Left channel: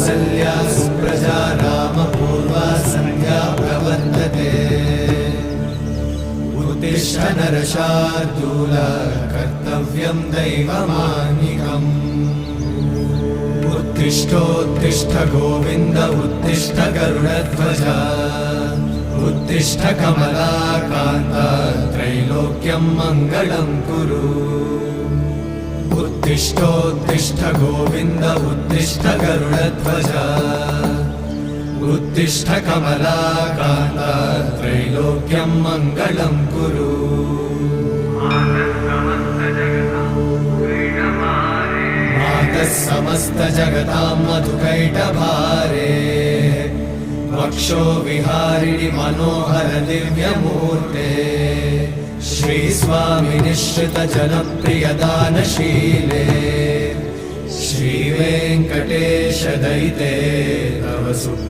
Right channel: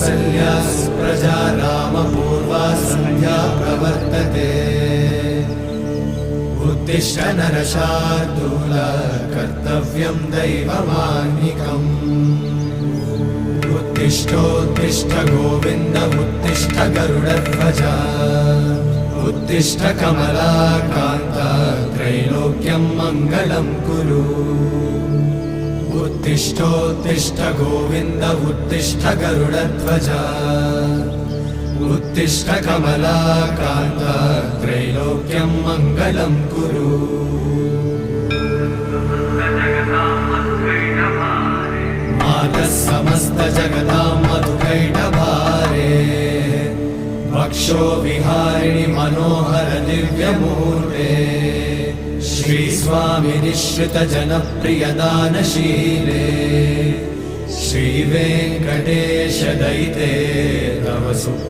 कौसल्या सुप्रजा रामपूर्वा सन्ध्या प्रवर्तते। उत्तिष्ठ नरशार्दूल कर्तव्यं दैवमाह्निकम्। उत्तिष्ठोत्तिष्ठ गोविन्द उत्तिष्ठ गरुडध्वज। उत्तिष्ठ कमलाकान्त त्रैलोक्यं मङ्गलं कुरु। उत्तिष्ठोत्तिष्ठ गोविन्द उत्तिष्ठ गरुडध्वज। उत्तिष्ठ कमलाकान्त त्रैलोक्यं मङ्गलं कुरु। मातः समस्त जगतां मधुकैटभारे। वक्षो विहारिणि मनोहर दिव्यमूर्ते। श्रीस्वामि निःश्रित जनप्रिय दानशीले। श्रीवेङ्कटेश दयिते तव